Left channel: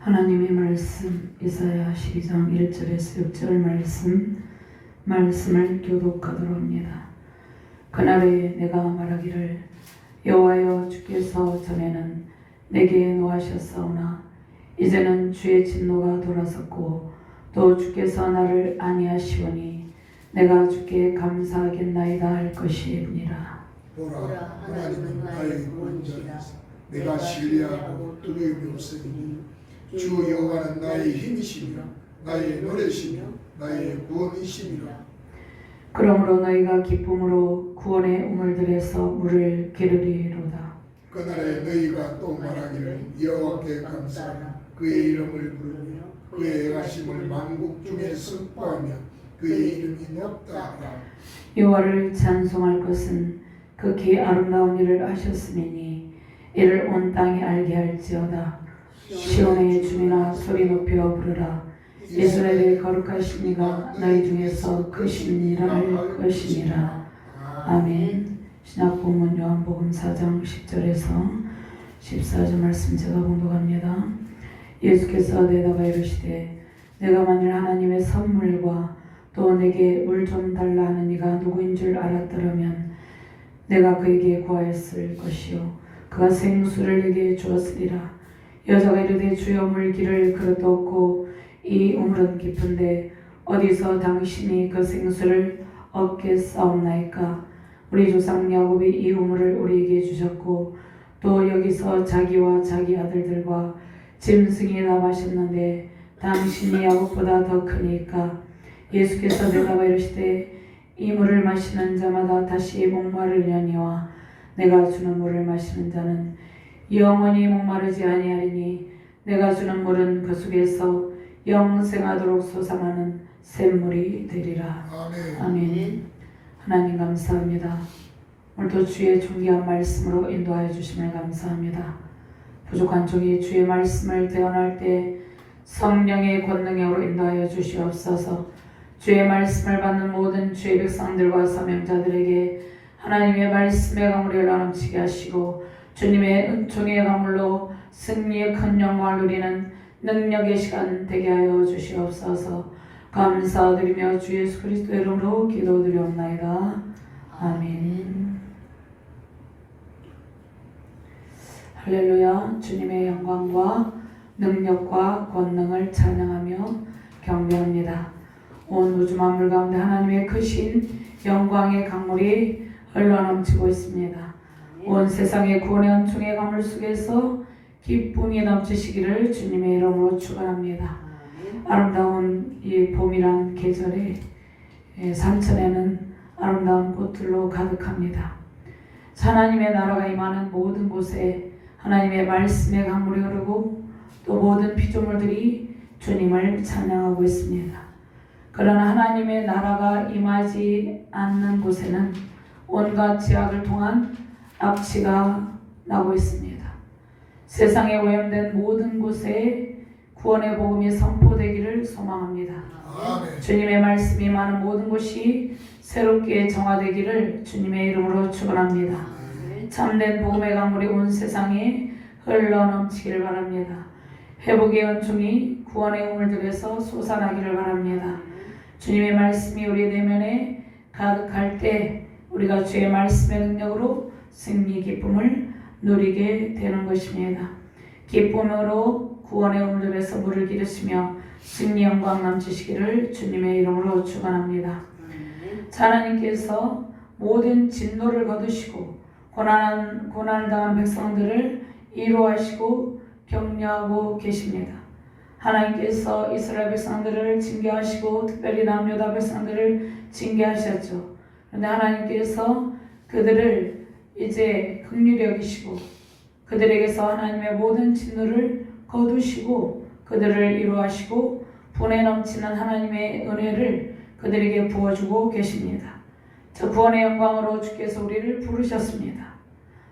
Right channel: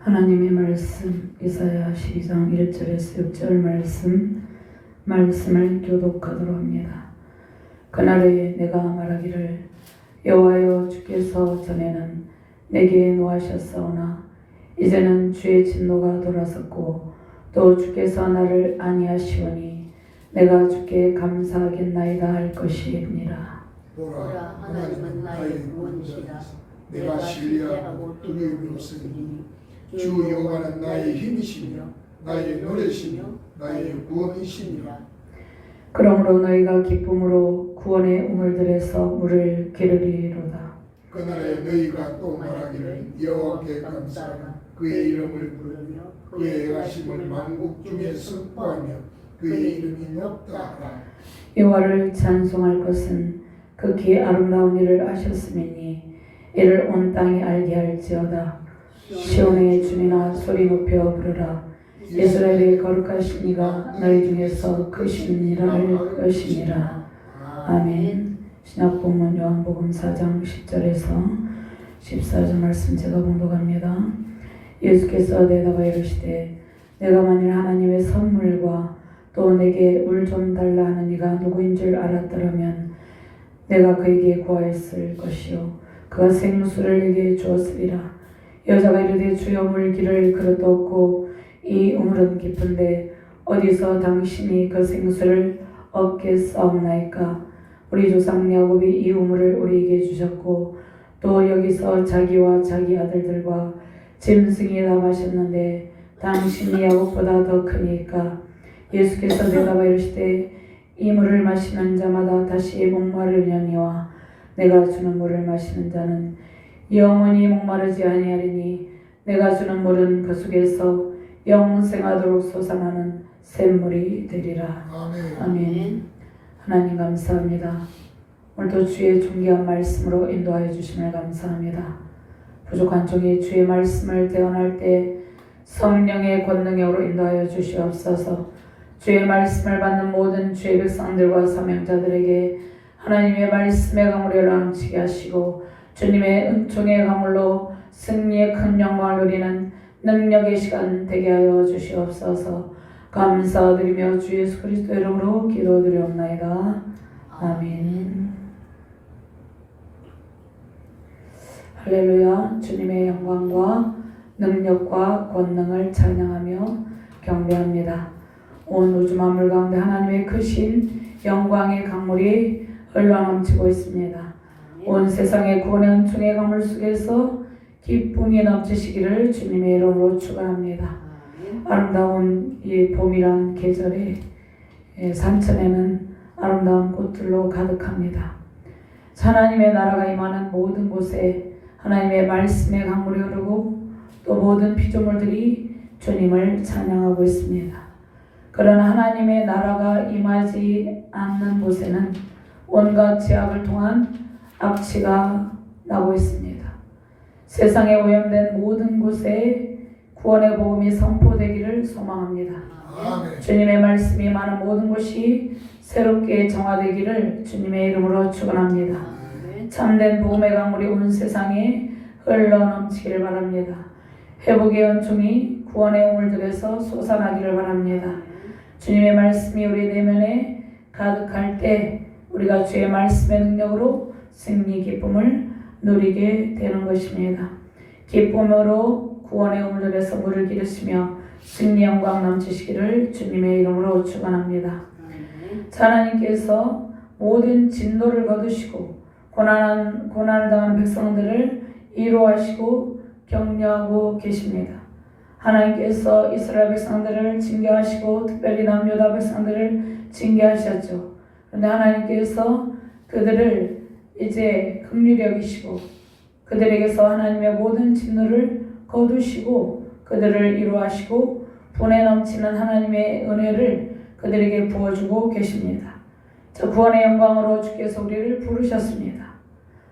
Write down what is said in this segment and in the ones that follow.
하나님의 말씀 이사야 12장 1절에서 6절 말씀을 교독하도록 합니다. 그날에 내가 말하기를 여호와여 주께서 전에는 내게 노하셨사오나 이제는 주의 진노가 돌아섰고 또 주께서 나를 아니하시오니 내가 주께 감사하겠나이다 할 것이니라. 보라, 하나님은 나의 구원이시라. 내가 신뢰하고 두려움이 주 여호와는 나의 힘이시며 나의 노래시며 나의 구원이시니라. 그러므로 너희가 기쁨으로 구원의 우물들에서 물을 기르리로다. 그날에 너희가 또 말하기를 여호와께 감사하라. 그의 이름을 부르며 그의 행하심을 만국 중에 선포하며 그의 이름이 높다 하라. 여호와를 찬송할 것은 극히 아름다운 일을 하셨음이니 이를 온 땅이 알게 할지어다. 시온의 주민아 소리 높여 부르라. 이스라엘의 거룩하신 이가 너희 중에서 크신 일을 할 것이니라. 아멘. 신약본문 요한복음 4장 10절에서 14절 말씀 제가 봉독합니다. 예수께서 대답하여 이르시되 내가 만일 하나님의 선물과 또 내게 물 좀 달라 하는 이가 누구인 줄 알았더라면 내가 그에게 구하였을 것이요 그가 생수를 내게 주었으리라. 여자가 이르되 주여 물 기를 그릇도 없고 이 우물은 깊은데 어디서 당신이 그 생수를 얻겠사옵나이까. 우리 조상 야곱이 이 우물을 우리에게 주셨고 또 여기서 자기와 자기 아들들과 짐승이 다 마셨는데 당신이 야곱보다 더 크니까. 예수께서 대답하여 이르시되 이 물을 마시는 자마다 다시 목마르려니와 내가 주는 물을 마시는 자는 영원히 목마르지 아니하리니 내가 주는 물은 그 속에서 영생하도록 솟아나는 샘물이 되리라. 아멘. 하나님 감사합니다. 오늘도 주의 존귀한 말씀으로 인도하여 주심을 감사합니다. 부족한 종이 주의 말씀을 대언할 때 성령의 권능으로 인도하여 주시옵소서. 주의 말씀을 받는 모든 주의 백성들과 사명자들에게 하나님의 말씀의 강물을 넘치게 하시고 주님의 은총의 강물로 승리의 큰 영광을 누리는 능력의 시간 되게 하여 주시옵소서. 감사드리며 주 예수 그리스도 이름으로 기도드리옵나이다. 아멘. 할렐루야. 주님의 영광과 능력과 권능을 찬양하며 경배합니다. 온 우주 만물 가운데 하나님의 크신 영광의 강물이 흘러넘치고 있습니다. 온 세상의 구원의 은총의 강물 속에서 기쁨이 넘치시기를 주님의 이름으로 축원합니다. 아름다운 이 봄이란 계절에 산천에는 아름다운 꽃들로 가득합니다. 하나님의 나라가 임하는 모든 곳에 하나님의 말씀의 강물이 흐르고 또 모든 피조물들이 주님을 찬양하고 있습니다. 그러나 하나님의 나라가 임하지 않는 곳에는 온갖 제약을 통한 악취가 나고 있습니다. 세상에 오염된 모든 곳에 구원의 복음이 선포되기를 소망합니다. 아멘. 주님의 말씀이 많은 모든 곳이 새롭게 정화되기를 주님의 이름으로 축원합니다. 참된 복음의 강물이 온 세상에 흘러넘치기를 바랍니다. 회복의 은총이 구원의 우물들에서 솟아나기를 바랍니다. 주님의 말씀이 우리 내면에 가득할 때 우리가 주의 말씀의 능력으로 승리 기쁨을 누리게 되는 것입니다. 기쁨으로 구원의 우물들에서 물을 기르시며 승리 영광 넘치시기를 주님의 이름으로 축원합니다. 하나님께서 모든 진노를 거두시고 고난을 당한 백성들을 위로하시고 격려하고 계십니다. 하나님께서 이스라엘 백성들을 징계하시고 특별히 남유다 백성들을 징계하셨죠. 그런데 하나님께서 그들을 이제 긍휼히 여기시고 그들에게서 하나님의 모든 진노를 거두시고 그들을 위로하시고 분에 넘치는 하나님의 은혜를 그들에게 부어주고 계십니다. 저 구원의 영광으로 주께서 우리를 부르셨습니다.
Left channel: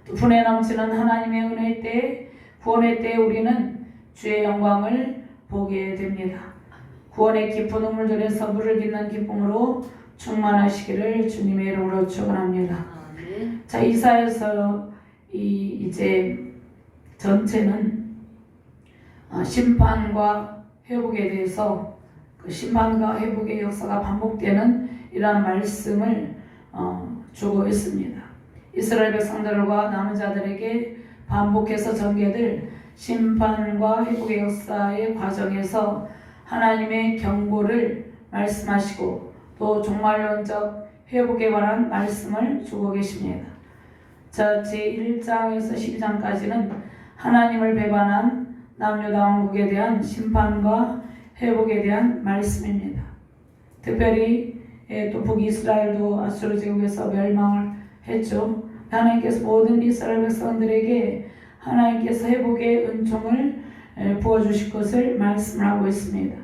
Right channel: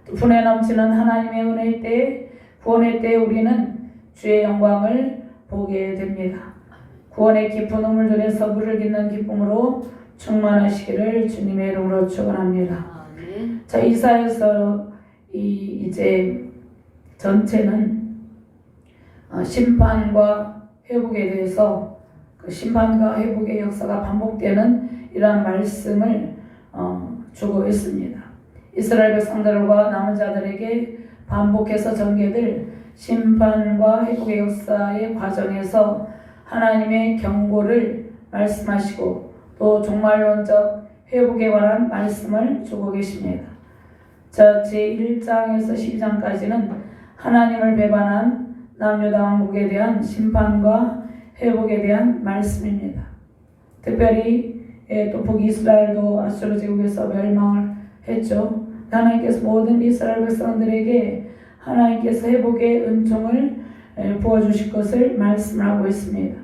또 분에 넘치는 하나님의 은혜의 때에 구원의 때에 우리는 주의 영광을 보게 됩니다. 구원의 깊은 우물들에서 물을 깃는 기쁨으로 충만하시기를 주님의 이름으로 축원합니다. 자, 이사야서 이제 전체는 심판과 회복에 대해서 그 심판과 회복의 역사가 반복되는 이러한 말씀을 주고 있습니다. 이스라엘 백성들과 남은 자들에게 반복해서 전개될 심판과 회복의 역사의 과정에서 하나님의 경고를 말씀하시고 또 종말론적 회복에 관한 말씀을 주고 계십니다. 자, 제1장에서 12장까지는 하나님을 배반한 남유다 왕국에 대한 심판과 회복에 대한 말씀입니다. 특별히 또 북이스라엘도 아수르 제국에서 멸망을 했죠. 하나님께서 모든 이스라엘 백성들에게 하나님께서 회복의 은총을 부어주실 것을 말씀을 하고 있습니다.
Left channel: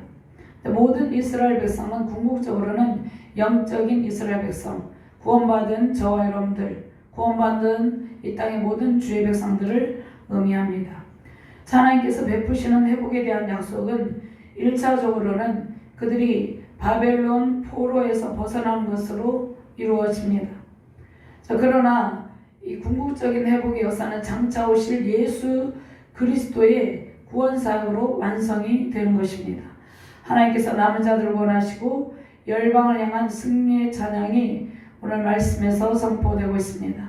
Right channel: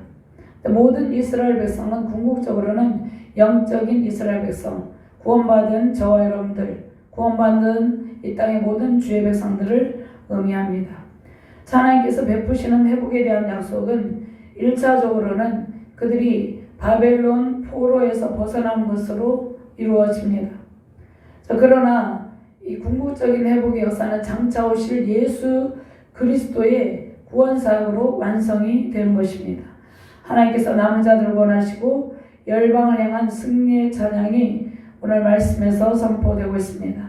모든 이스라엘 백성은 궁극적으로는 영적인 이스라엘 백성, 구원받은 저와 여러분들, 구원받은 이 땅의 모든 주의 백성들을 의미합니다. 하나님께서 베푸시는 회복에 대한 약속은 1차적으로는 그들이 바벨론 포로에서 벗어난 것으로 이루어집니다. 그러나 이 궁극적인 회복의 역사는 장차 오실 예수 그리스도의 구원사역으로 완성이 되는 것입니다. 하나님께서 남은 자들을 원하시고 열방을 향한 승리의 찬양이 오늘 말씀에서 선포되고 있습니다.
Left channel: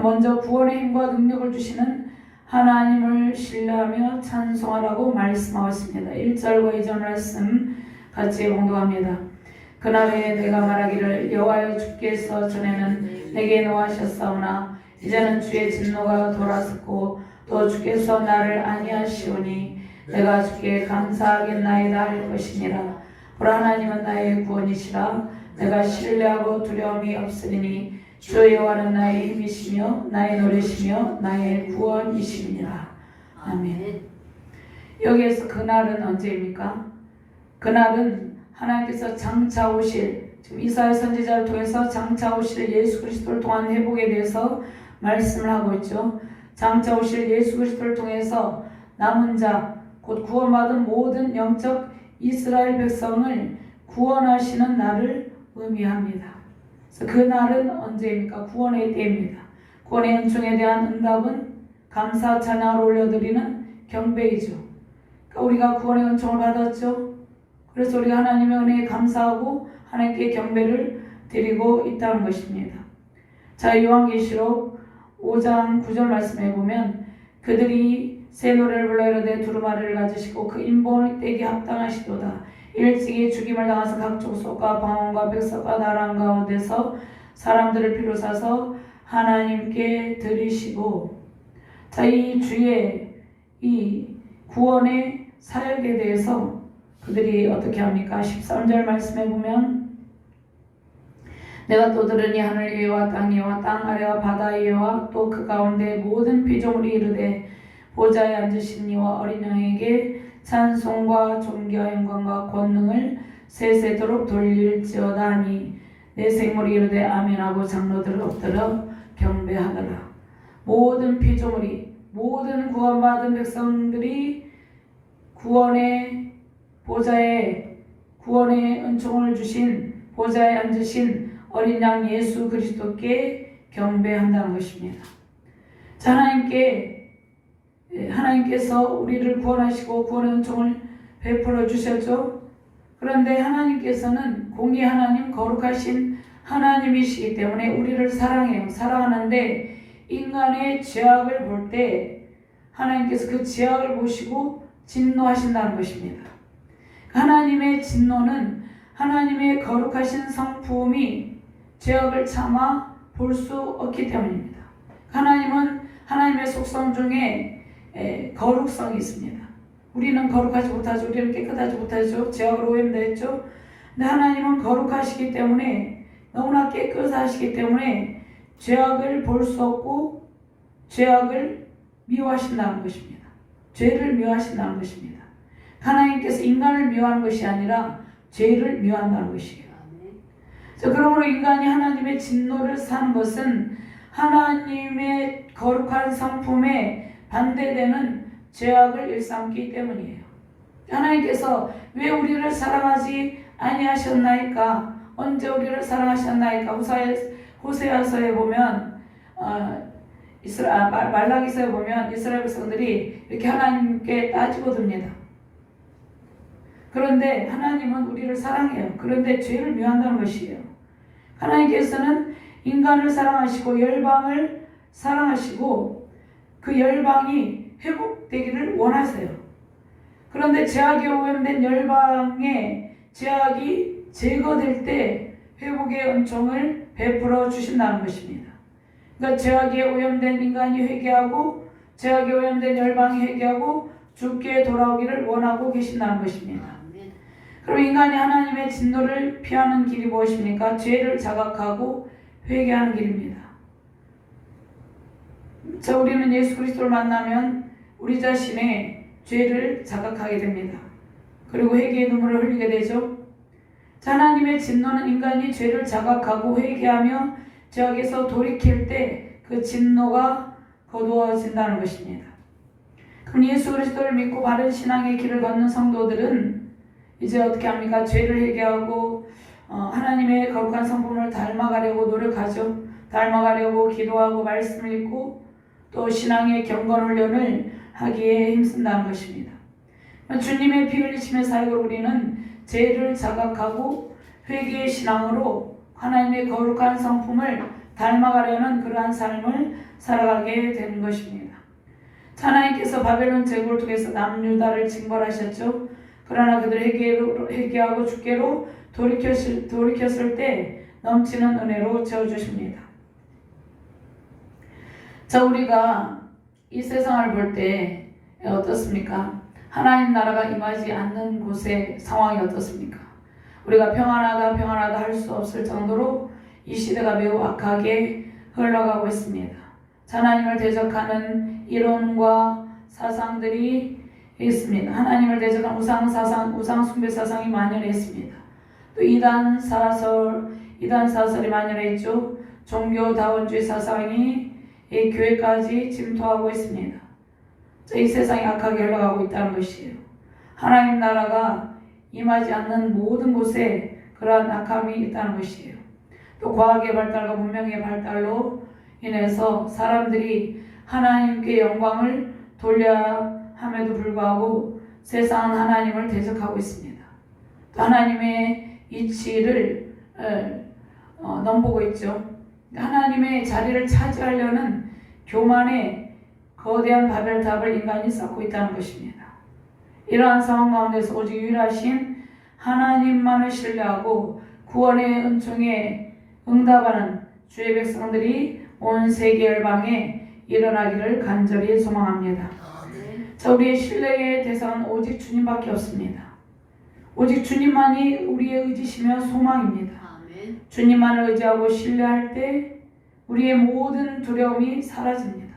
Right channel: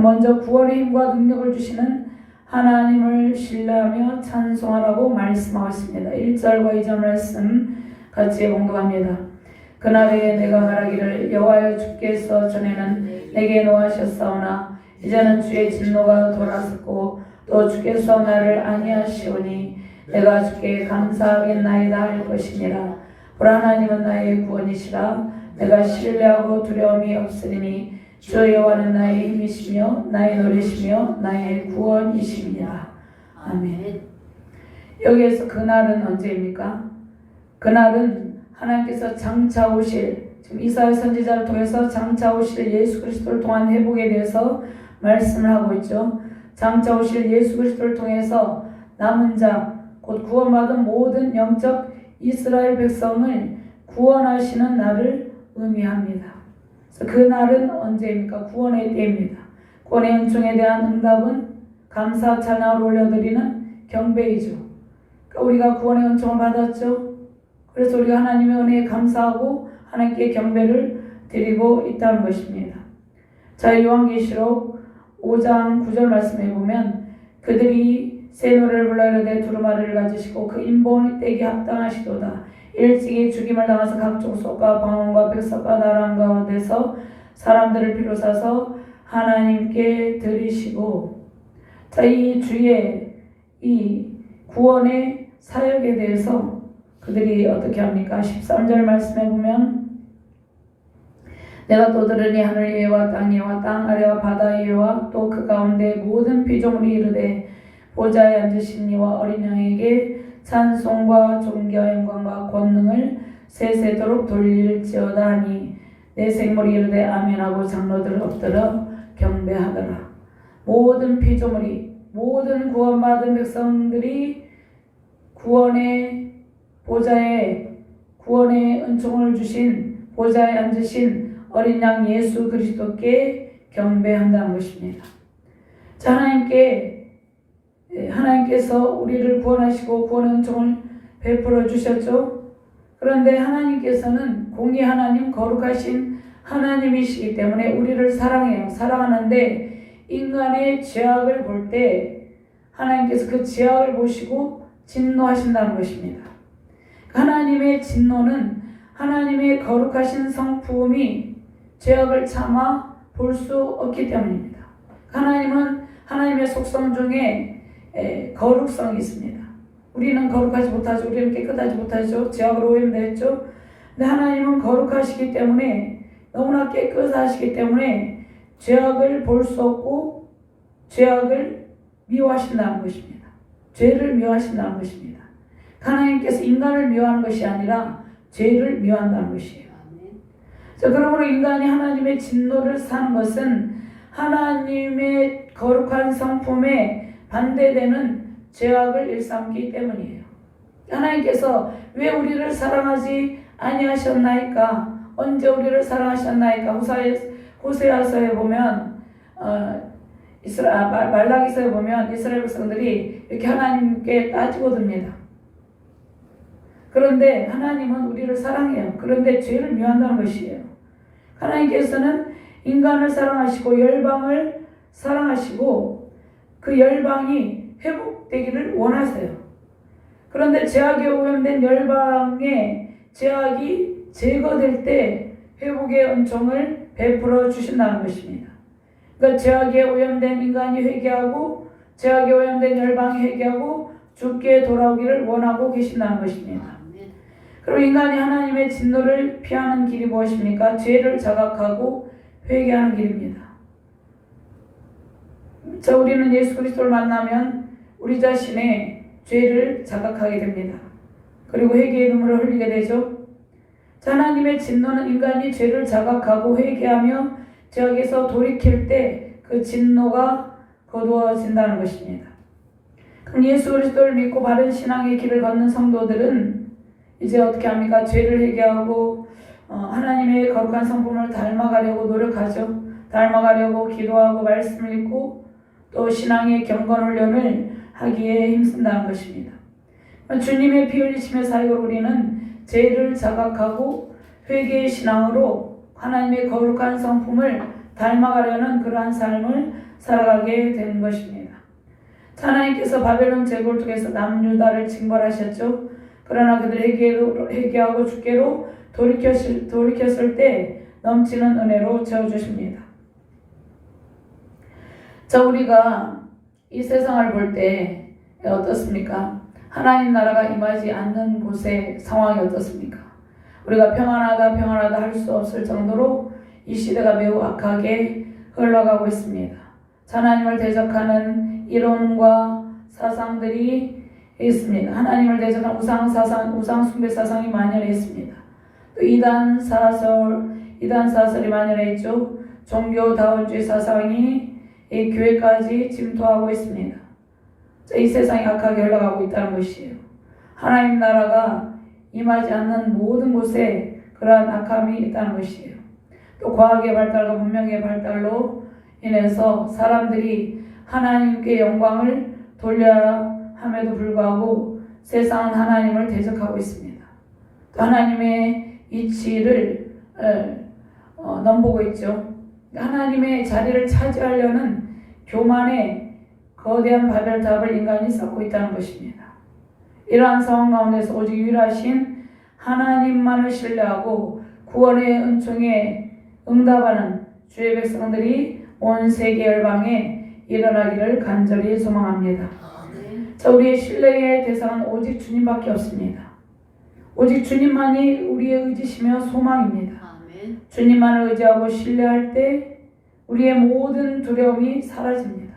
먼저 구원의 힘과 능력을 주시는 하나님을 신뢰하며 찬송하라고 말씀하고 있습니다. 1절과 2절 말씀 같이 공독합니다. 그날에 내가 말하기를 여호와여 주께서 전에는 내게 노하셨사오나 이제는 주의 진노가 돌아섰고 또 주께서 나를 아니하시오니 내가 주께 감사하겠나이다 할 것이니라. 보라 하나님은 나의 구원이시라. 내가 신뢰하고 두려움이 없으리니 주 여호와는 나의 힘이시며 나의 노래시며 나의 구원이시니라. 아멘. 여기에서 그날은 언제입니까? 그날은 하나님께서 장차 오실, 지금 이사야 선지자를 통해서 장차 오실 예수 그리스도를 통한 회복에 대해서 말씀을 하고 있죠. 장차 오실 예수 그리스도를 통해서 남은 자, 곧 구원받은 모든 영적 이스라엘 백성을 구원하시는 날을 의미합니다. 그래서 그 날은 언제입니까? 구원의 때입니다. 구원의 은총에 대한 응답은 감사 찬양을 올려드리는 경배이죠. 그러니까 우리가 구원의 은총을 받았죠. 그래서 우리가 하나님의 은혜에 감사하고 하나님께 경배를 드리고 있다는 것입니다. 자, 요한계시록 5장 9절 말씀에 보면 그들이 새 노래를 불러 이르되 두루마리를 가지시고 그 인본이 떼기 합당하시도다. 일찍이 죽임을 당해서 각종 속과 방언과 백석과 나라 가운데서 사람들을 비로사서 하나님께 드리시고. 자, 이 주의 이 구원의 사역에 대해서 그들이 어떻게 합니까? 13절 말씀에 보면 내가 또 들으니 하늘 위와 땅 위와 땅 아래와 바다 위와 또 그 가운데 모든 피조물이 이르되 보좌에 앉으신 이와 어린 양에게 찬송과 존귀와 영광과 권능을 세세도록 돌릴지어다 하니 내 생물이 이르되 아멘하고 장로들 엎드려 경배하더라. 모든 피조물이, 모든 구원받은 백성들이 구원의 보좌에, 구원의 은총을 주신 보좌에 앉으신 어린 양 예수 그리스도께 경배한다는 것입니다. 자, 하나님께서 우리를 구원하시고 구원의 은총을 베풀어 주셨죠. 그런데 하나님께서는 공의 하나님, 거룩하신 하나님이시기 때문에 우리를 사랑해요. 사랑하는데 인간의 죄악을 볼 때 하나님께서 그 죄악을 보시고 진노하신다는 것입니다. 하나님의 진노는 하나님의 거룩하신 성품이 죄악을 참아 볼 수 없기 때문입니다. 하나님은 하나님의 속성 중에 거룩성이 있습니다. 우리는 거룩하지 못하죠. 우리는 깨끗하지 못하죠. 죄악으로 오염되었죠. 근데 하나님은 거룩하시기 때문에, 너무나 깨끗하시기 때문에 죄악을 볼 수 없고 죄악을 미워하신다는 것입니다. 죄를 미워하신다는 것입니다. 하나님께서 인간을 미워하는 것이 아니라 죄를 미워한다는 것이에요. 자, 그러므로 인간이 하나님의 진노를 사는 것은 하나님의 거룩한 성품에 반대되는 죄악을 일삼기 때문이에요. 하나님께서 왜 우리를 사랑하지 아니하셨나이까? 언제 우리를 사랑하셨나이까? 호세아서에 보면 말라기서에 보면 이스라엘 백성들이 이렇게 하나님께 따지고 듭니다. 그런데 하나님은 우리를 사랑해요. 그런데 죄를 미워한다는 것이에요. 하나님께서는 인간을 사랑하시고 열방을 사랑하시고 그 열방이 회복되기를 원하세요. 그런데 죄악에 오염된 열방의 죄악이 제거될 때 회복의 은총을 베풀어 주신다는 것입니다. 그러니까 죄악에 오염된 인간이 회개하고 죄악에 오염된 열방이 회개하고 주께 돌아오기를 원하고 계신다는 것입니다. 그럼 인간이 하나님의 진노를 피하는 길이 무엇입니까? 죄를 자각하고 회개하는 길입니다. 자, 우리는 예수 그리스도를 만나면 우리 자신의 죄를 자각하게 됩니다. 그리고 회개의 눈물을 흘리게 되죠. 자, 하나님의 진노는 인간이 죄를 자각하고 회개하며 죄악에서 돌이킬 때 그 진노가 거두어진다는 것입니다. 그럼 예수 그리스도를 믿고 바른 신앙의 길을 걷는 성도들은 이제 어떻게 합니까? 죄를 회개하고 하나님의 거룩한 성품을 닮아가려고 노력하죠. 닮아가려고 기도하고 말씀을 읽고 또 신앙의 경건 훈련을 하기에 힘쓴다는 것입니다. 주님의 피 흘리심의 사역을 우리는 죄를 자각하고 회개의 신앙으로 하나님의 거룩한 성품을 닮아가려는 그러한 삶을 살아가게 되는 것입니다. 하나님께서 바벨론 제국을 통해서 남유다를 징벌하셨죠. 그러나 그들이 회개하고 주께로 돌이켰을 때 넘치는 은혜로 채워주십니다. 자, 우리가 이 세상을 볼 때 어떻습니까? 하나님 나라가 임하지 않는 곳의 상황이 어떻습니까? 우리가 평안하다 할 수 없을 정도로 이 시대가 매우 악하게 흘러가고 있습니다. 하나님을 대적하는 이론과 사상들이 있습니다. 하나님을 대적하는 우상 숭배 사상이 만연해 있습니다. 또 이단 사설이 만연해 있죠. 종교다원주의 사상이 이 교회까지 침투하고 있습니다. 이 세상이 악하게 흘러가고 있다는 것이에요. 하나님 나라가 임하지 않는 모든 곳에 그러한 악함이 있다는 것이에요. 또 과학의 발달과 문명의 발달로 인해서 사람들이 하나님께 영광을 돌려야 함에도 불구하고 세상은 하나님을 대적하고 있습니다. 또 하나님의 이치를 넘보고 있죠. 하나님의 자리를 차지하려는 교만의 거대한 바벨탑을 인간이 쌓고 있다는 것입니다. 이러한 상황 가운데서 오직 유일하신 하나님만을 신뢰하고 구원의 은총에 응답하는 주의 백성들이 온 세계 열방에 일어나기를 간절히 소망합니다. 자, 우리의 신뢰의 대상은 오직 주님밖에 없습니다. 오직 주님만이 우리의 의지시며 소망입니다. 주님만을 의지하고 신뢰할 때 우리의 모든 두려움이 사라집니다.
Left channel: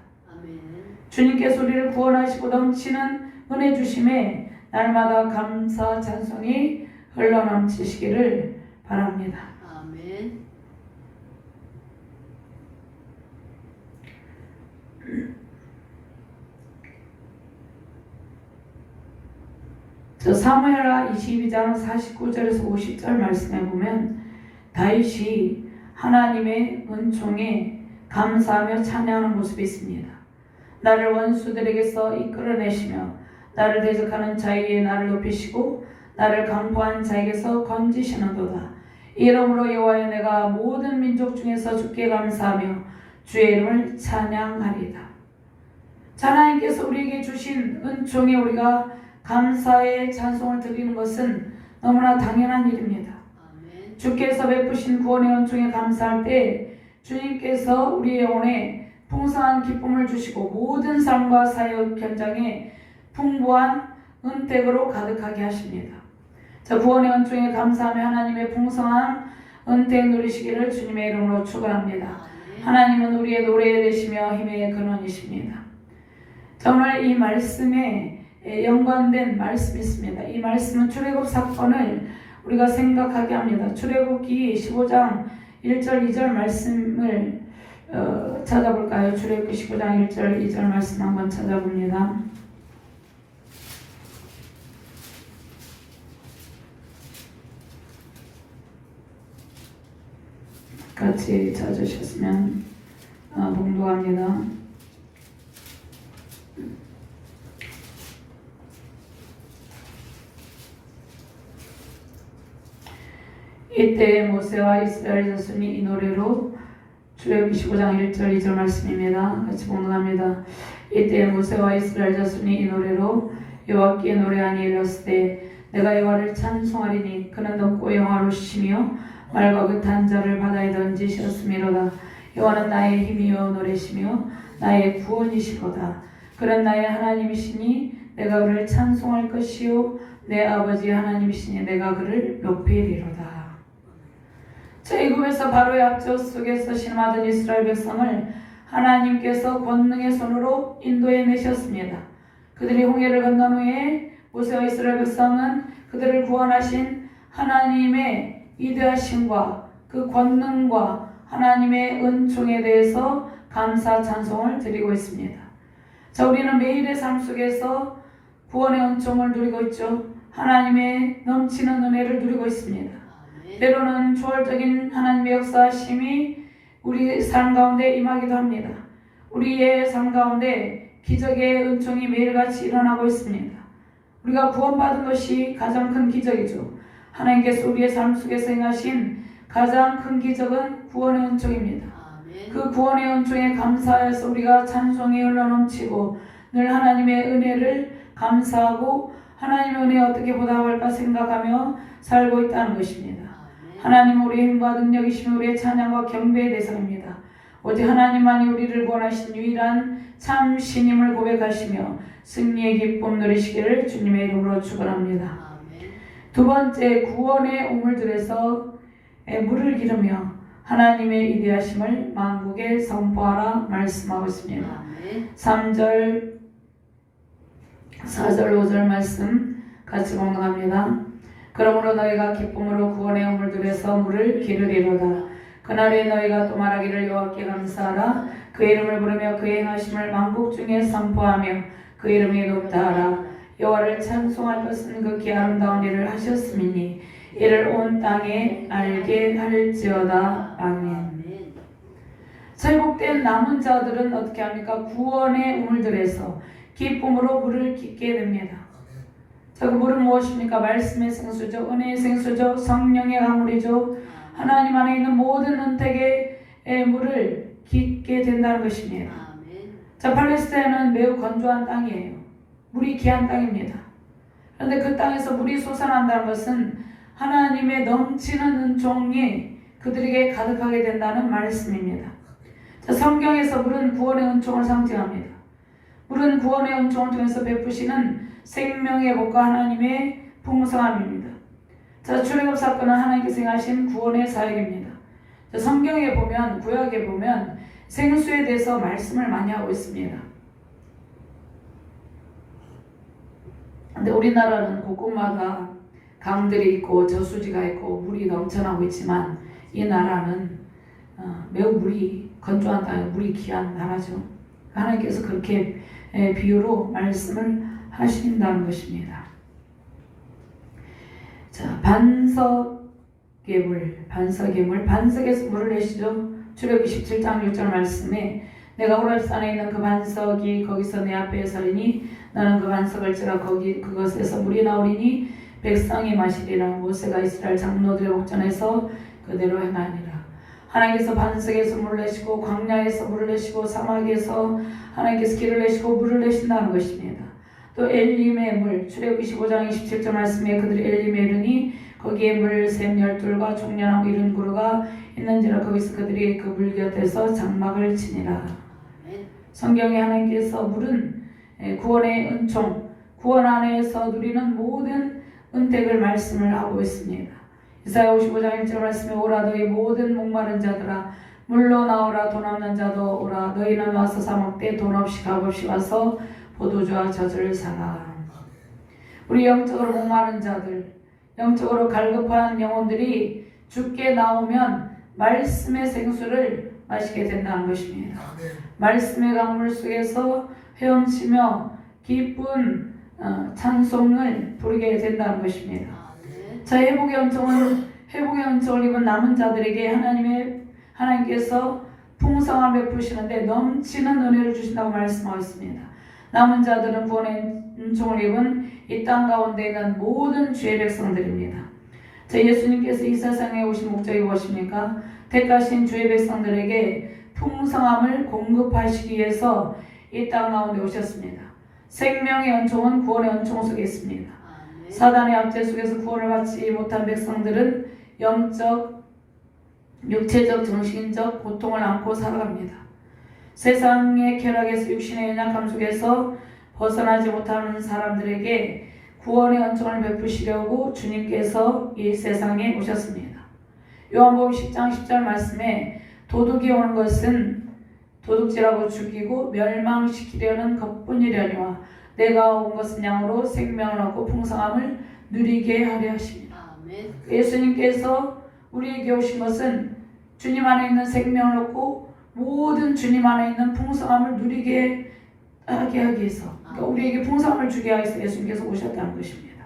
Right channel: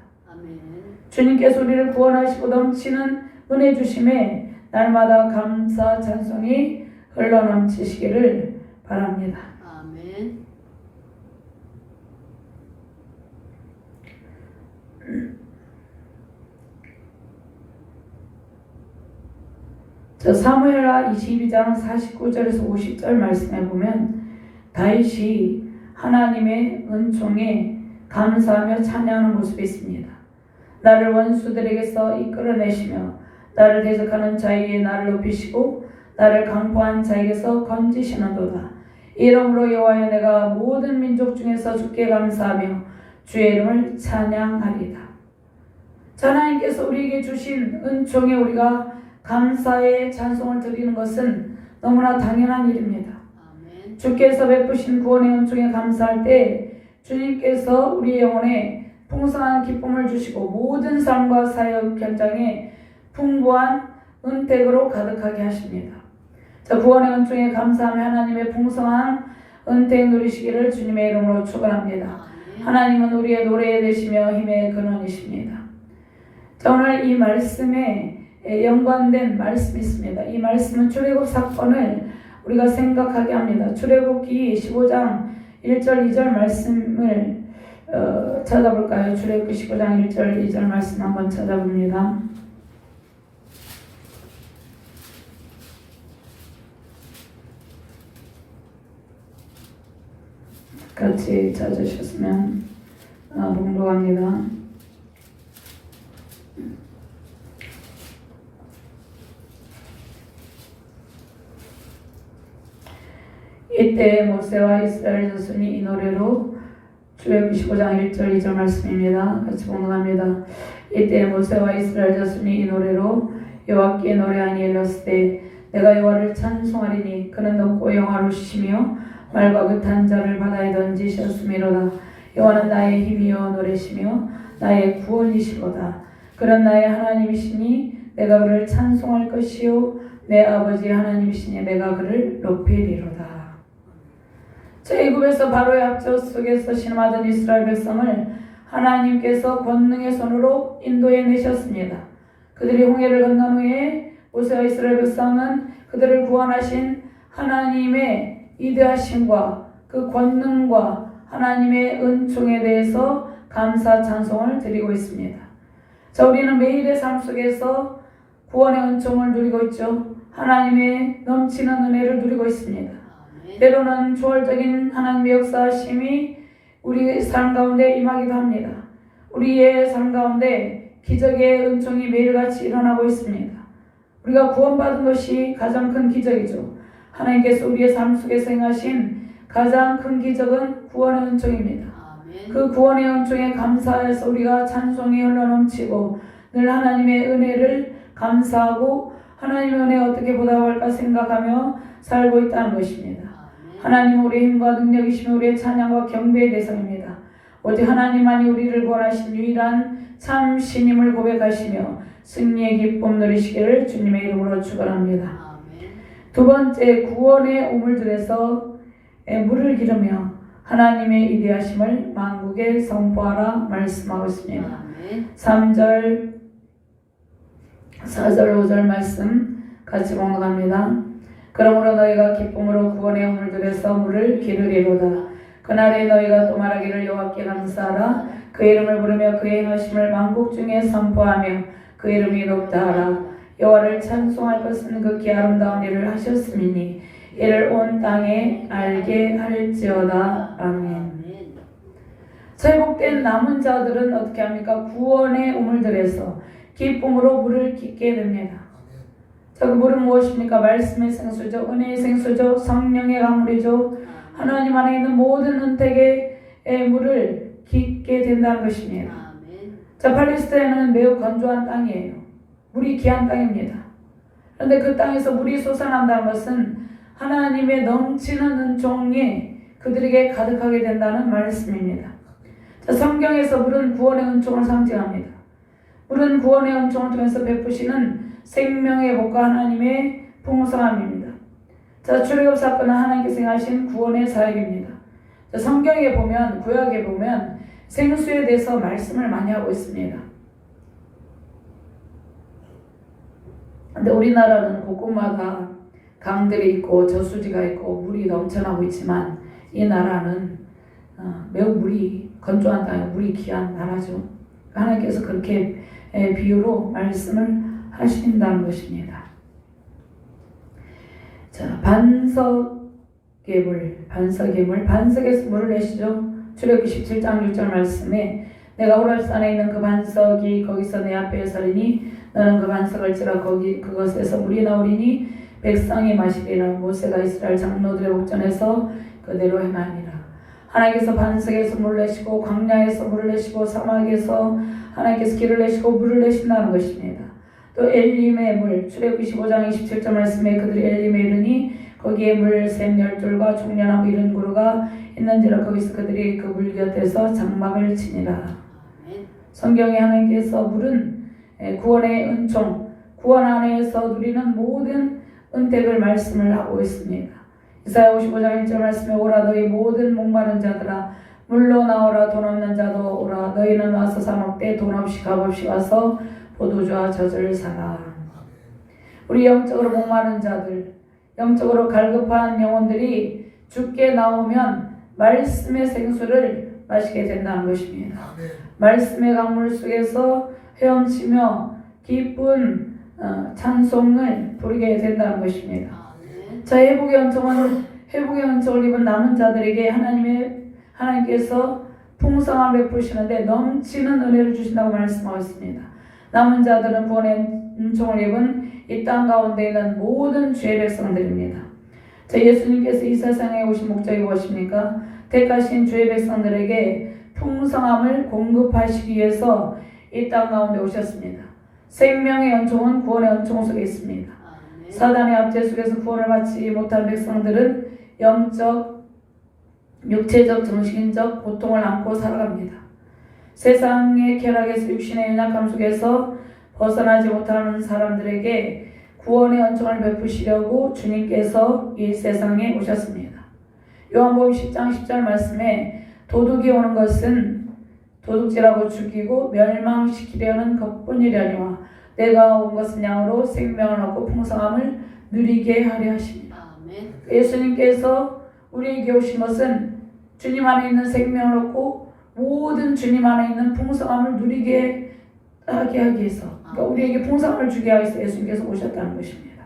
주님께서 우리를 구원하시고 넘치는 은혜 주심에 날마다 감사 찬송이 흘러넘치시기를 바랍니다. 아멘. 저 사무엘하 22장 49절에서 50절 말씀에 보면 다윗이 하나님의 은총에 감사하며 찬양하는 모습이 있습니다. 나를 원수들에게서 이끌어내시며 나를 대적하는 자에게 나를 높이시고 나를 강포한 자에게서 건지시는도다. 이러므로 여호와여 내가 모든 민족 중에서 주께 감사하며 주의 이름을 찬양하리이다. 하나님께서 우리에게 주신 은총에 우리가 감사의 찬송을 드리는 것은 너무나 당연한 일입니다. 아멘. 주께서 베푸신 구원의 은총에 감사할 때 주님께서 우리의 영혼에 풍성한 기쁨을 주시고 모든 삶과 사역 현장에 풍부한 은택으로 가득하게 하십니다. 자, 구원의 은총에 감사하며 하나님의 풍성한 은택 누리시기를 주님의 이름으로 축원합니다. 하나님은 우리의 노래 되시며 힘의 근원이십니다. 자, 오늘 이 말씀에 연관된 말씀이 있습니다. 이 말씀은 출애굽 사건을 우리가 생각하게 합니다. 출애굽기 15장 1절 2절 말씀을 찾아볼까요? 출애굽기 15장 1절 2절 말씀 한번 찾아봅니다. 같이 찾으셨으면 봉독합니다. 이때 모세와 이스라엘 자손이 이 노래로 출애굽 25장 1절 2절 말씀입니다. 같이 봉독합니다. 이때 모세와 이스라엘 자손이 이 노래로 여호와께 노래하니 이르렀으되 내가 여호와를 찬송하리니 그는 높고 영화로우시며 말과 긋한 자를 바다에 던지셨음이로다. 여호와는 나의 힘이요 노래시며 나의 구원이시로다. 그는 나의 하나님이시니 내가 그를 찬송할 것이요 내 아버지 하나님이시니 내가 그를 높이리로다. 애굽에서 바로의 압제 속에서 신음하던 이스라엘 백성을 하나님께서 권능의 손으로 인도해 내셨습니다. 그들이 홍해를 건넌 후에 모세와 이스라엘 백성은 그들을 구원하신 하나님의 위대하심과 그 권능과 하나님의 은총에 대해서 감사 찬송을 드리고 있습니다. 자, 우리는 매일의 삶 속에서 구원의 은총을 누리고 있죠. 하나님의 넘치는 은혜를 누리고 있습니다. 때로는 초월적인 하나님의 역사하심이 우리 삶 가운데 임하기도 합니다. 우리의 삶 가운데 기적의 은총이 매일같이 일어나고 있습니다. 우리가 구원받은 것이 가장 큰 기적이죠. 하나님께서 우리의 삶 속에서 행하신 가장 큰 기적은 구원의 은총입니다. 그 구원의 은총에 감사해서 우리가 찬송이 흘러넘치고 늘 하나님의 은혜를 감사하고 하나님의 은혜에 어떻게 보답할까 생각하며 살고 있다는 것입니다. 하나님은 우리의 힘과 능력이시며 우리의 찬양과 경배의 대상입니다. 오직 하나님만이 우리를 구원하신 유일한 참 신임을 고백하시며 승리의 기쁨 누리시기를 주님의 이름으로 축원합니다. 두 번째, 구원의 우물들에서 물을 기르며 하나님의 위대하심을 만국에 선포하라 말씀하고 있습니다. 3절, 4절, 5절 말씀 같이 봉독합니다. 그러므로 너희가 기쁨으로 구원의 우물들에서 물을 기르리로다. 그날에 너희가 또 말하기를 여호와께 감사하라. 그 이름을 부르며 그의 행하심을 만국 중에 선포하며 그 이름이 높다 하라. 여호와를 찬송할 것은 극히 아름다운 일을 하셨음이니 이를 온 땅에 알게 할지어다. 아멘. 회복된 남은 자들은 어떻게 합니까? 구원의 우물들에서 기쁨으로 물을 깃게 됩니다. 자, 그 물은 무엇입니까? 말씀의 생수죠. 은혜의 생수죠. 성령의 강물이죠. 하나님 안에 있는 모든 은택의 물을 깃게 된다는 것입니다. 자, 팔레스타인은 매우 건조한 땅이에요. 물이 귀한 땅입니다. 그런데 그 땅에서 물이 솟아난다는 것은 하나님의 넘치는 은총이 그들에게 가득하게 된다는 말씀입니다. 자, 성경에서 물은 구원의 은총을 상징합니다. 물은 구원의 은총을 통해서 베푸시는 생명의 복과 하나님의 풍성함입니다. 자, 출애굽 사건은 하나님께서 행하신 구원의 사역입니다. 자, 성경에 보면, 구약에 보면 생수에 대해서 말씀을 많이 하고 있습니다. 근데 우리나라는 곳곳마다 강들이 있고 저수지가 있고 물이 넘쳐나고 있지만 이 나라는 매우 물이 건조한 땅에 물이 귀한 나라죠. 하나님께서 그렇게 비유로 말씀을 하신다는 것입니다. 자, 반석의 물, 반석에서 물을 내시죠. 출애굽 17장 1절 말씀에 내가 호렙산에 있는 그 반석이 거기서 내 앞에 서리니 너는 그 반석을 찌라 그것에서 물이 나오리니 백성이 마시리라. 모세가 이스라엘 장로들의 목전에서 그대로 행하니라. 하나님께서 반석에서 물을 내시고 광야에서 물을 내시고 사막에서 하나님께서 길을 내시고 물을 내신다는 것입니다. 또 엘림의 물, 출애굽 25장 27절 말씀에 그들이 엘림에 이르니 거기에 물샘 12과 종려나무 이른 구루가 있는지라. 거기서 그들이 그 물 곁에서 장막을 치니라. 성경에 하나님께서 물은 구원의 은총, 구원 안에서 누리는 모든 은택을 말씀을 하고 있습니다. 이사야 55장 1절 말씀에 오라 너희 모든 목마른 자들아 물로 나오라. 돈 없는 자도 오라. 너희는 와서 사 먹되 돈 없이 값없이 와서 포도주와 젖을 사라. 우리 영적으로 목마른 자들, 영적으로 갈급한 영혼들이 주께 나오면 말씀의 생수를 마시게 된다는 것입니다. 말씀의 강물 속에서 헤엄치며 기쁜 찬송을 부르게 된다는 것입니다. 자, 회복의 은총을 입은 남은 자들에게 하나님께서 풍성함을 베푸시는데 넘치는 은혜를 주신다고 말씀하고 있습니다. 남은 자들은 구원의 은총을 입은 이 땅 가운데 있는 모든 주의 백성들입니다. 자, 예수님께서 이 세상에 오신 목적이 무엇입니까? 택하신 주의 백성들에게 풍성함을 공급하시기 위해서 이 땅 가운데 오셨습니다. 생명의 연총은 구원의 연총 속에 있습니다. 아멘. 사단의 압제 속에서 구원을 받지 못한 백성들은 영적, 육체적, 정신적 고통을 안고 살아갑니다. 세상의 쾌락에서 육신의 연약함 속에서 벗어나지 못하는 사람들에게 구원의恩총을 베푸시려고 주님께서 이 세상에 오셨습니다. 요한복음 10장 10절 말씀에 도둑이 오는 것은 도둑질하고 죽이고 멸망시키려는 것뿐이려니와 내가 온 것은 양으로 생명을 얻고 풍성함을 누리게 하려 하십니다. 아멘. 예수님께서 우리에게 오신 것은 주님 안에 있는 생명을 얻고 모든 주님 안에 있는 풍성함을 누리게 하게 하기 위해서, 그러니까 우리에게 풍성함을 주게 하기 위해서 예수님께서 오셨다는 것입니다.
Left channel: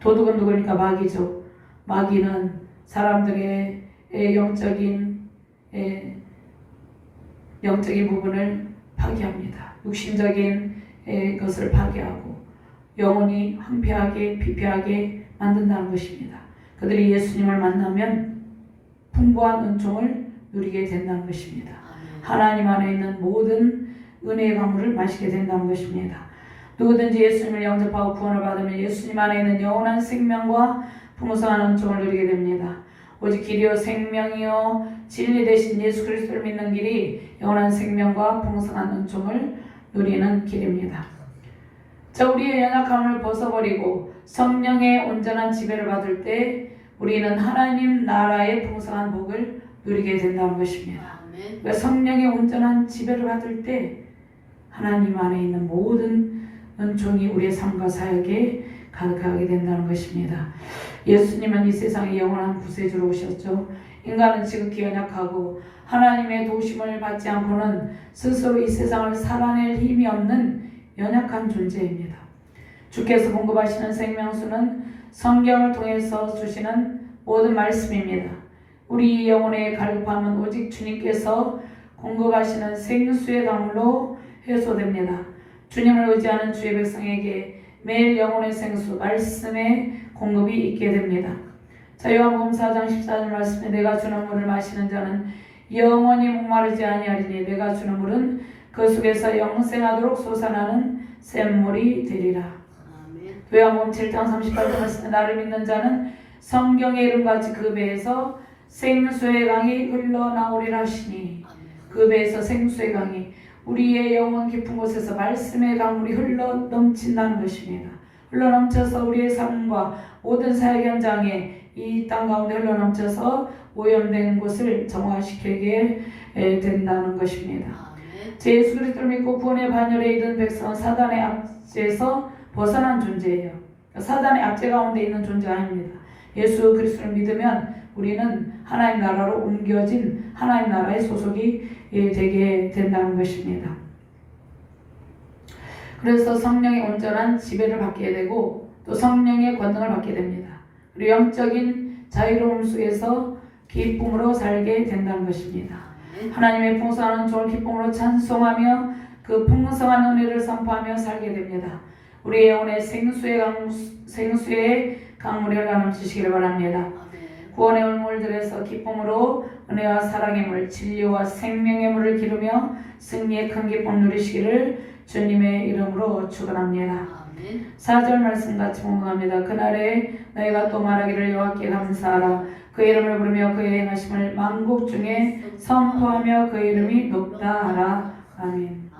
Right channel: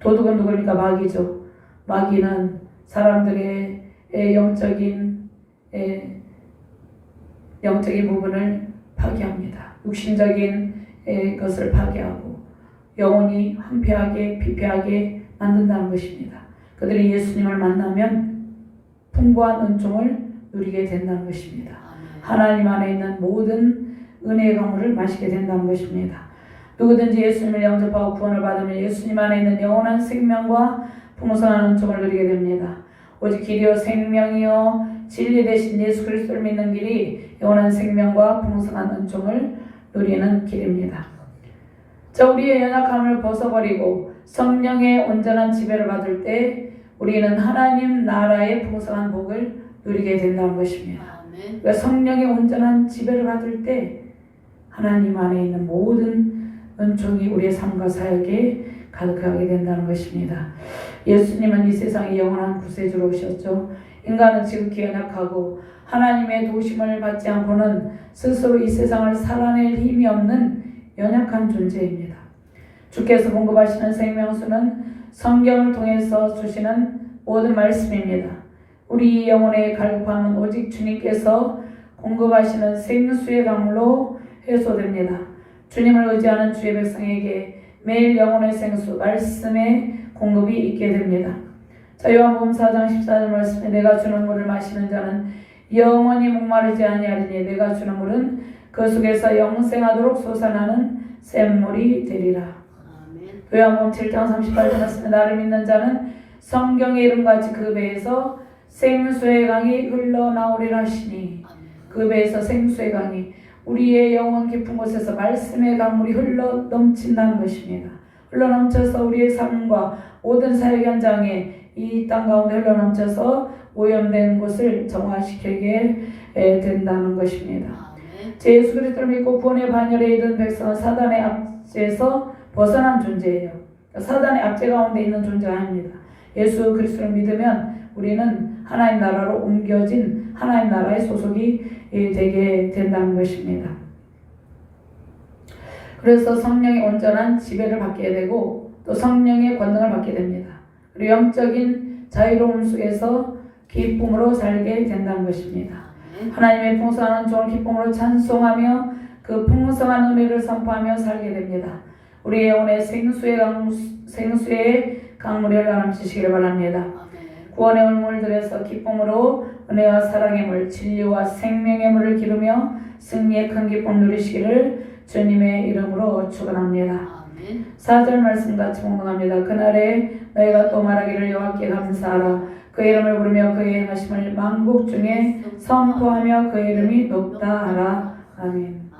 도둑은 누구니까? 마귀죠. 마귀는 사람들의 영적인 부분을 파괴합니다. 육신적인 것을 파괴하고 영혼이 황폐하게 피폐하게 만든다는 것입니다. 그들이 예수님을 만나면 풍부한 은총을 누리게 된다는 것입니다. 하나님 안에 있는 모든 은혜의 강물을 마시게 된다는 것입니다. 누구든지 예수님을 영접하고 구원을 받으면 예수님 안에 있는 영원한 생명과 풍성한 은총을 누리게 됩니다. 오직 길이요 생명이요 진리 되신 예수 그리스도를 믿는 길이 영원한 생명과 풍성한 은총을 누리는 길입니다. 자, 우리의 연약함을 벗어버리고 성령의 온전한 지배를 받을 때 우리는 하나님 나라의 풍성한 복을 누리게 된다는 것입니다. 그러니까 성령의 온전한 지배를 받을 때 하나님 안에 있는 모든 은총이 우리의 삶과 사역에 가득하게 된다는 것입니다. 예수님은 이 세상에 영원한 구세주로 오셨죠. 인간은 지극히 연약하고 하나님의 도우심을 받지 않고는 스스로 이 세상을 살아낼 힘이 없는 연약한 존재입니다. 주께서 공급하시는 생명수는 성경을 통해서 주시는 모든 말씀입니다. 우리 영혼의 갈급함은 오직 주님께서 공급하시는 생수의 강물로 해소됩니다. 주님을 의지하는 주의 백성에게 매일 영혼의 생수, 말씀의 공급이 있게 됩니다. 자, 요한복음 4장 14절 말씀에 내가 주는 물을 마시는 자는 영원히 목마르지 아니하리니 내가 주는 물은 그 속에서 영생하도록 솟아나는 샘물이 되리라. 요한복음 7장 38절 말씀에 나를 믿는 자는 성경의 이름같이 그 배에서 생수의 강이 흘러나오리라 하시니 그 배에서 생수의 강이 우리의 영혼 깊은 곳에서 말씀의 강물이 흘러 넘친다는 것입니다. 흘러 넘쳐서 우리의 삶과 모든 사역 현장에 이 땅 가운데 흘러 넘쳐서 오염된 곳을 정화시키게 된다는 것입니다. 제 예수 그리스도를 믿고 구원의 반열에 이른 백성은 사단의 압제에서 벗어난 존재예요. 사단의 압제 가운데 있는 존재가 아닙니다. 예수 그리스도를 믿으면 우리는 하나님 나라로 옮겨진 하나님 나라의 소속이 되게 된다는 것입니다. 그래서 성령의 온전한 지배를 받게 되고 또 성령의 권능을 받게 됩니다. 그리고 영적인 자유로움 속에서 기쁨으로 살게 된다는 것입니다. 하나님의 풍성한 은총을 기쁨으로 찬송하며 그 풍성한 은혜를 선포하며 살게 됩니다. 우리의 영혼의 생수의 강물이 흘러넘치시기를 바랍니다. 구원의 물들에서 기쁨으로 은혜와 사랑의 물, 진리와 생명의 물을 기르며 승리의 큰 기쁨 누리시기를 주님의 이름으로 축원합니다. 4절 말씀 같이 공경합니다. 그날에 너희가 또 말하기를 여호와께 감사하라. 그의 이름을 부르며 그의 행하심을 만국 중에 선포하며 그의 이름이 높다 하라. 아멘.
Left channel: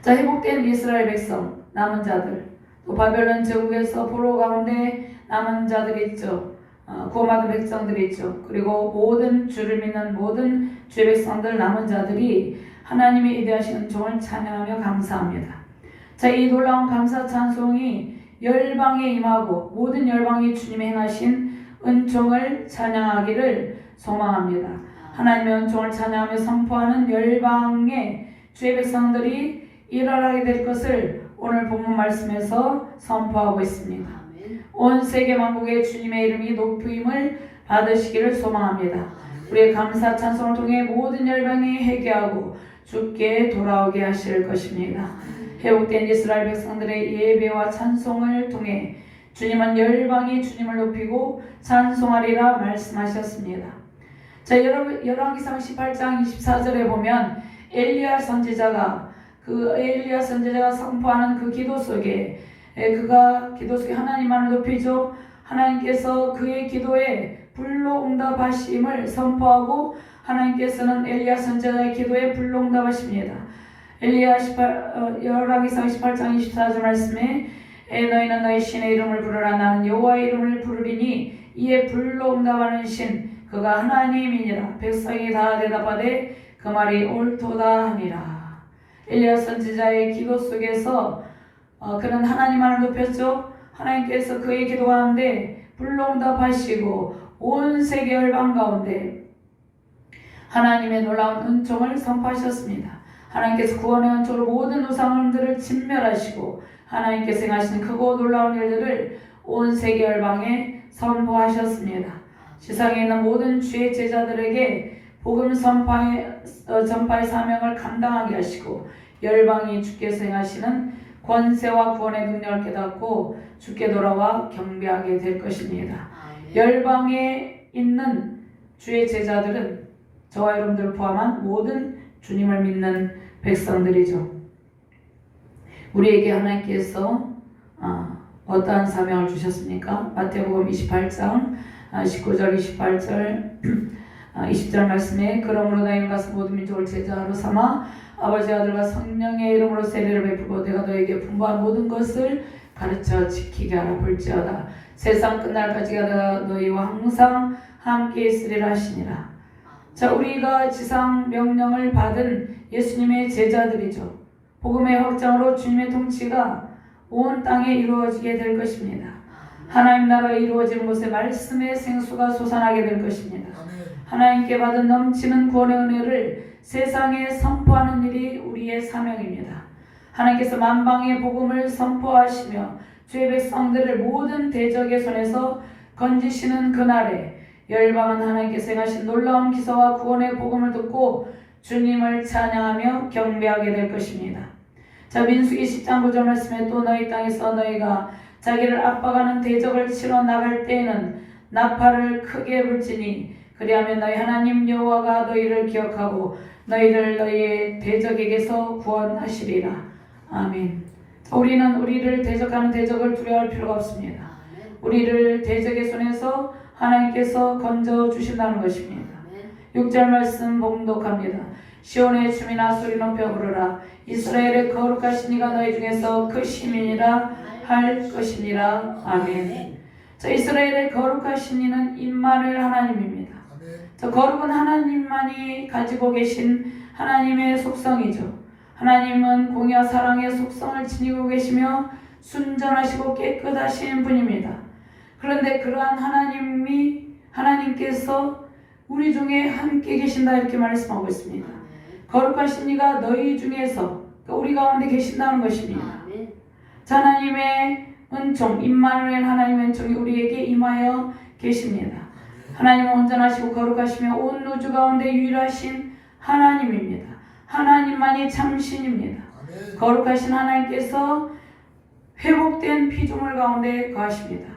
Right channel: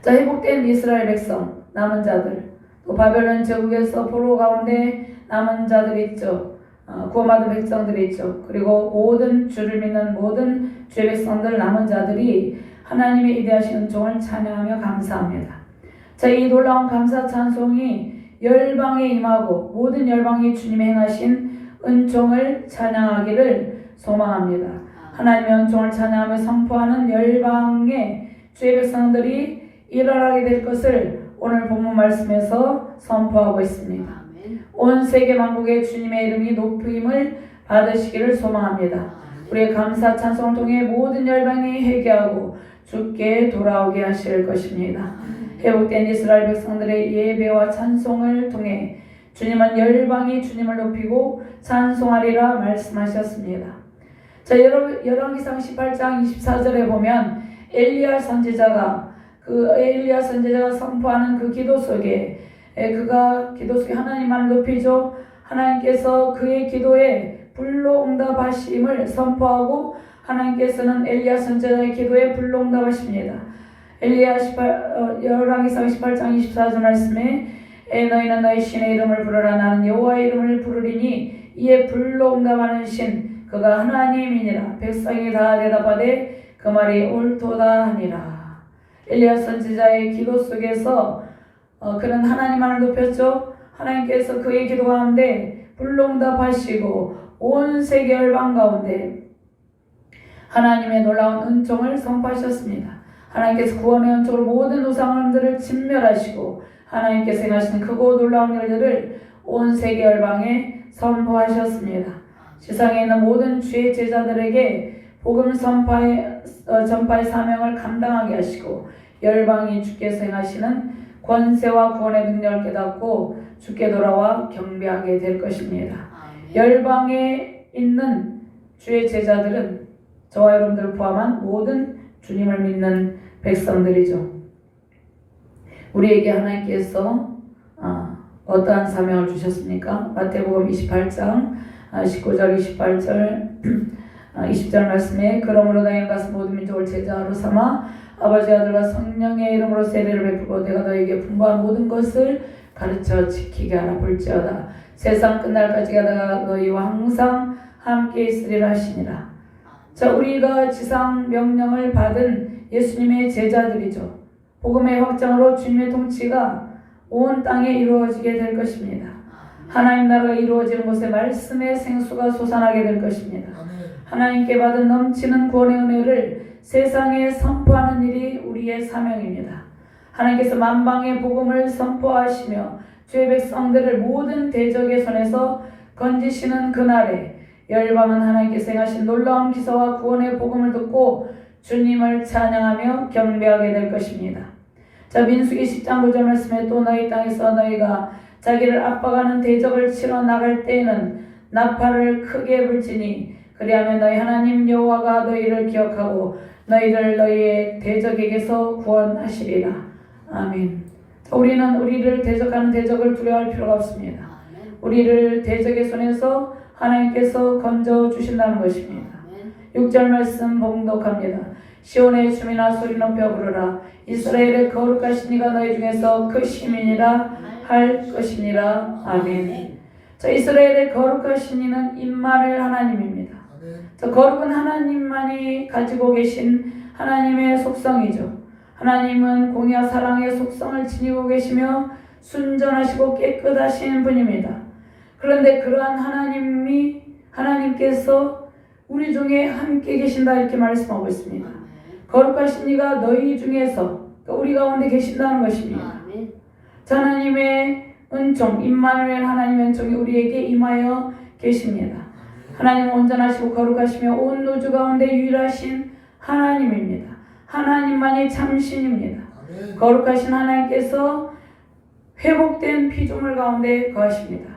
자, 회복된 이스라엘 백성, 남은 자들, 또 바벨론 제국에서 포로 가운데 남은 자들이 있죠. 구원받은 백성들이 있죠. 그리고 모든 주를 믿는 모든 주의 백성들 남은 자들이 하나님의 위대하신 은총을 찬양하며 감사합니다. 자, 이 놀라운 감사 찬송이 열방에 임하고 모든 열방이 주님의 행하신 은총을 찬양하기를 소망합니다. 하나님의 은총을 찬양하며 선포하는 열방의 주의 백성들이 일어나게 될 것을 오늘 본문 말씀에서 선포하고 있습니다. 온 세계 만국의 주님의 이름이 높임을 받으시기를 소망합니다. 우리의 감사 찬송을 통해 모든 열방이 회개하고 주께 돌아오게 하실 것입니다. 회복된 이스라엘 백성들의 예배와 찬송을 통해 주님은 열방이 주님을 높이고 찬송하리라 말씀하셨습니다. 자, 열왕기상 18장 24절에 보면 엘리야 선지자가 선포하는 그 기도 속에 하나님만을 높이죠. 하나님께서 그의 기도에 불로 응답하심을 선포하고 하나님께서는 엘리야 선지자의 기도에 불로 응답하십니다. 열왕기상 18장 24절 말씀에 너희는 너희 신의 이름을 부르라. 나는 여호와의 이름을 부르리니 이에 불로 응답하는 신 그가 하나님이니라. 백성이 다 대답하되 그 말이 옳도다 하니라. 엘리야 선지자의 기도 속에서 그는 하나님만을 높였죠. 하나님께서 그의 기도 가운데 불로 응답하시고 온 세계 열방 가운데 하나님의 놀라운 은총을 선포하셨습니다. 하나님께서 구원의 은총으로 모든 우상들을 진멸하시고 하나님께서 행하시는 크고 놀라운 일들을 온 세계 열방에 선포하셨습니다. 세상에 있는 모든 주의 제자들에게 복음 전파의 사명을 감당하게 하시고 열방이 주께서 행하시는 권세와 구원의 능력을 깨닫고 주께 돌아와 경배하게 될 것입니다. 열방에 있는 주의 제자들은 저와 여러분들 포함한 모든 주님을 믿는 백성들이죠. 우리에게 하나님께서 어떠한 사명을 주셨습니까? 마태복음 28장 19절 28절 20절 말씀에 그러므로 너희는 가서 모든 민족을 제자로 삼아 아버지 아들과 성령의 이름으로 세례를 베푸고 내가 너희에게 분부한 모든 것을 가르쳐 지키게 하라. 볼지어다 세상 끝날까지 내가 너희와 항상 함께 있으리라 하시니라. 자, 우리가 지상 명령을 받은 예수님의 제자들이죠. 복음의 확장으로 주님의 통치가 온 땅에 이루어지게 될 것입니다. 하나님 나라가 이루어지는 곳에 말씀의 생수가 솟아나게 될 것입니다. 하나님께 받은 넘치는 구원의 은혜를 세상에 선포하는 일이 우리의 사명입니다. 하나님께서 만방의 복음을 선포하시며 주의 백성들을 모든 대적의 손에서 건지시는 그날에 열방은 하나님께서 행하신 놀라운 기사와 구원의 복음을 듣고 주님을 찬양하며 경배하게 될 것입니다. 자, 민수기 10장 9절 말씀에 또 너희 땅에서 너희가 자기를 압박하는 대적을 치러 나갈 때에는 나팔을 크게 불지니 그리하면 너희 하나님 여호와가 너희를 기억하고 너희를 너희의 대적에게서 구원하시리라. 아멘. 자, 우리는 우리를 대적하는 대적을 두려워할 필요가 없습니다. 우리를 대적의 손에서 하나님께서 건져주신다는 것입니다. 6절 말씀 봉독합니다. 시온의 춤이나 소리 높여 부르라. 이스라엘의 거룩하신 이가 너희 중에서 그 시민이라 할 것이니라. 아멘. 자, 이스라엘의 거룩하신 이는 임마누엘 하나님입니다. 자, 거룩은 하나님만이 가지고 계신 하나님의 속성이죠. 하나님은 공의와 사랑의 속성을 지니고 계시며 순전하시고 깨끗하신 분입니다. 그런데 그러한 하나님께서 우리 중에 함께 계신다 이렇게 말씀하고 있습니다. 거룩하신 이가 너희 중에서 우리 가운데 계신다는 것입니다. 자, 하나님의 은총, 임마누엘 하나님의 은총이 우리에게 임하여 계십니다. 하나님은 온전하시고 거룩하시며 온 우주 가운데 유일하신 하나님입니다. 하나님만이 참신입니다. 거룩하신 하나님께서 회복된 피조물 가운데 거하십니다.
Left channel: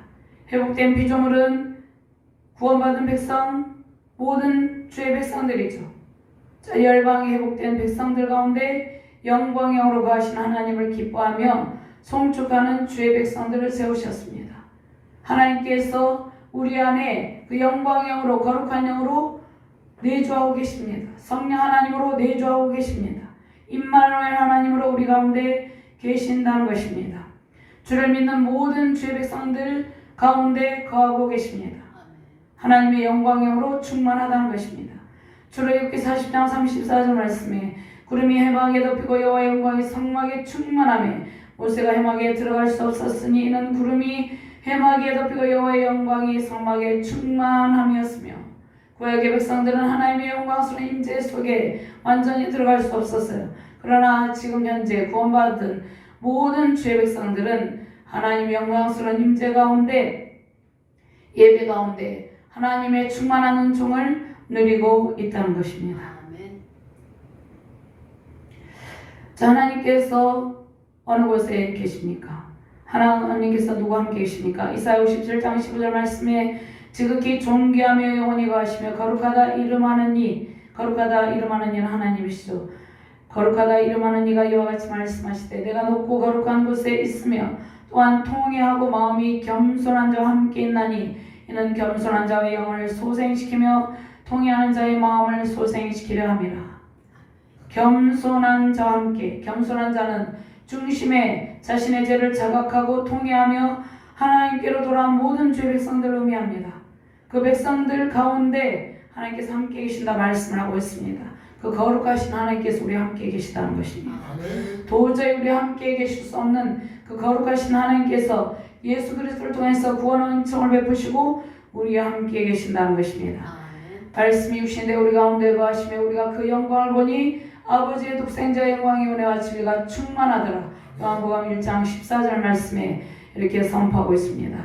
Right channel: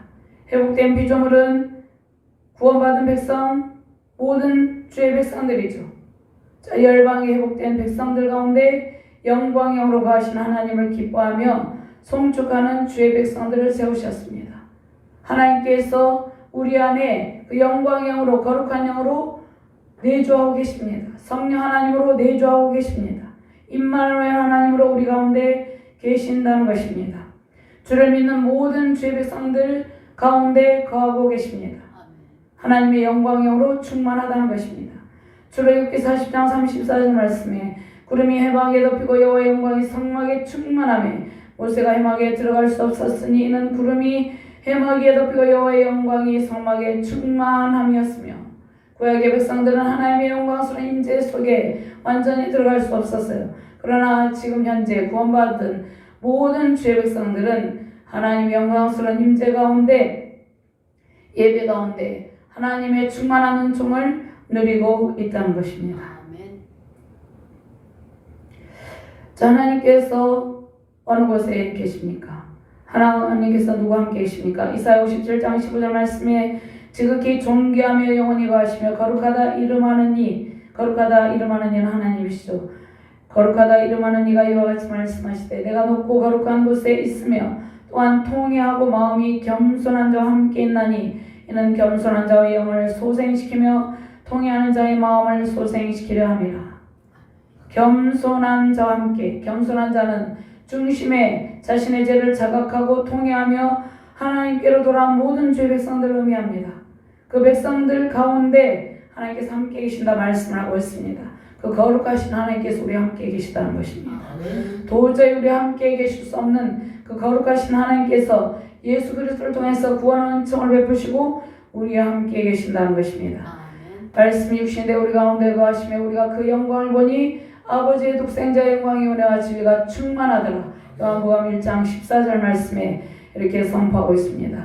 회복된 피조물은 구원받은 백성, 모든 주의 백성들이죠. 자, 열방의 회복된 백성들 가운데 영광의 영으로 거하신 하나님을 기뻐하며 송축하는 주의 백성들을 세우셨습니다. 하나님께서 우리 안에 그 영광의 영으로 거룩한 영으로 내주하고 계십니다. 성령 하나님으로 내주하고 계십니다. 임마누엘 하나님으로 우리 가운데 계신다는 것입니다. 주를 믿는 모든 주의 백성들 가운데 거하고 계십니다. 하나님의 영광의 영으로 충만하다는 것입니다. 출애굽기 40장 34절 말씀에 구름이 해막에 덮이고 여호와의 영광이 성막에 충만하며 모세가 해막에 들어갈 수 없었으니 이는 구름이 해막에 덮이고 여호와의 영광이 성막에 충만함이었으며 구약의 백성들은 하나님의 영광스러운 임재 속에 완전히 들어갈 수 없었어요. 그러나 지금 현재 구원받은 모든 주의 백성들은 하나님의 영광스러운 임재 가운데 예배 가운데 하나님의 충만한 은총을 누리고 있다는 것입니다. 자, 하나님께서 어느 곳에 계십니까? 하나님께서 누구와 함께 계십니까? 이사야 57장 15절 말씀에 지극히 존귀하며 영원히 거하시며 거룩하다 이름하는 이는 하나님이시죠. 거룩하다 이름하는 이가 이와 같이 말씀하시되 내가 높고 거룩한 곳에 있으며 또한 통회하고 마음이 겸손한 자와 함께 있나니 이는 겸손한 자의 영을 소생시키며 통회하는 자의 마음을 소생시키려 함이라. 겸손한 자와 함께, 겸손한 자는 중심에 자신의 죄를 자각하고 통회하며 하나님께로 돌아온 모든 주의 백성들을 의미합니다. 그 백성들 가운데 하나님께서 함께 계신다 말씀을 하고 있습니다. 그 거룩하신 하나님께서 우리 함께 계시다는 것입니다. 아멘. 도저히 우리 함께 계실 수 없는 그 거룩하신 하나님께서 예수 그리스도를 통해서 구원의 은총을 베푸시고 우리와 함께 계신다는 것입니다. 아멘. 말씀이 육신대 우리 가운데 거하시며 우리가 그 영광을 보니 아버지의 독생자의 영광이 은혜와 진리가 충만하더라. 요한복음 1장 14절 말씀에 이렇게 선포하고 있습니다.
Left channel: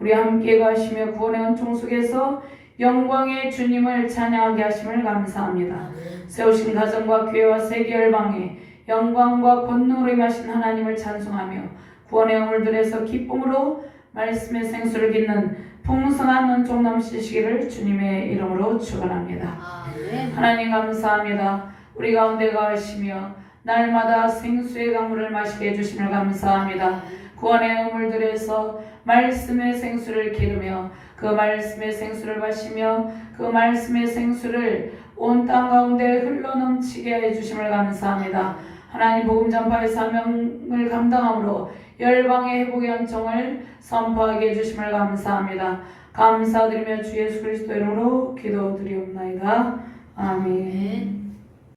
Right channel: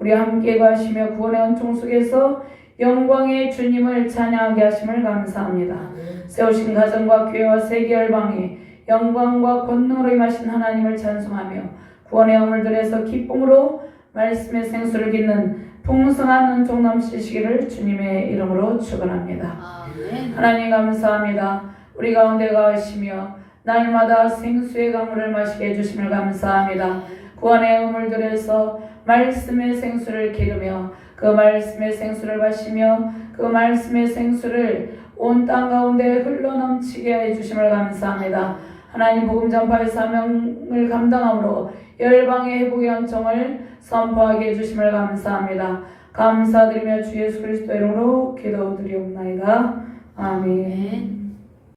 우리와 함께 거하시며 구원의 은총 속에서 영광의 주님을 찬양하게 하심을 감사합니다. 세우신 가정과 교회와 세계 열방에 영광과 권능으로 임하신 하나님을 찬송하며 구원의 우물들에서 기쁨으로 말씀의 생수를 깃는 풍성한 은총 넘치시기를 주님의 이름으로 축원합니다. 아멘. 하나님 감사합니다. 우리 가운데 거하시며 날마다 생수의 강물을 마시게 해주심을 감사합니다. 구원의 우물들에서 말씀의 생수를 기르며 그 말씀의 생수를 마시며 그 말씀의 생수를 온 땅 가운데 흘러넘치게 해주심을 감사합니다. 하나님 복음 전파의 사명을 감당함으로 열방의 회복의 은총을 선포하게 해주심을 감사합니다. 감사드리며 주 예수 그리스도 이름으로 기도드리옵나이다. 아멘. 아멘.